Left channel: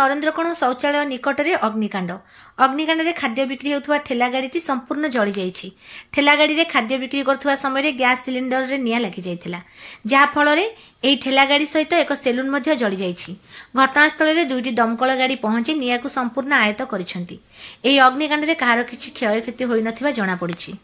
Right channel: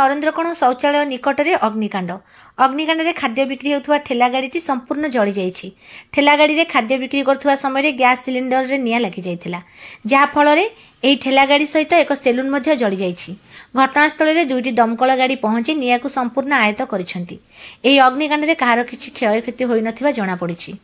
नरेंद्रकोण शौचालय निकट में अग्निकांड अग्निकांड खाद्य बिक्री होता ठेला गाड़ी संपूर्ण जली जाइए। ठेला गाड़ी में खाद्य बिक्री करुवा समय गैस सिलिंडर रे निआं लगी जाइथिला, जहाँफल यही ठेला गाड़ी सहित एक सेलून जली जाइछि। घटनास्थल में 2टी दमकल गाड़ी पहुंची निआं को संपूर्ण आयत्त करिसेंति। एही अग्निकांड रे कहार किछि क्षयक्षति होई नथिबा जणा पड़िछि।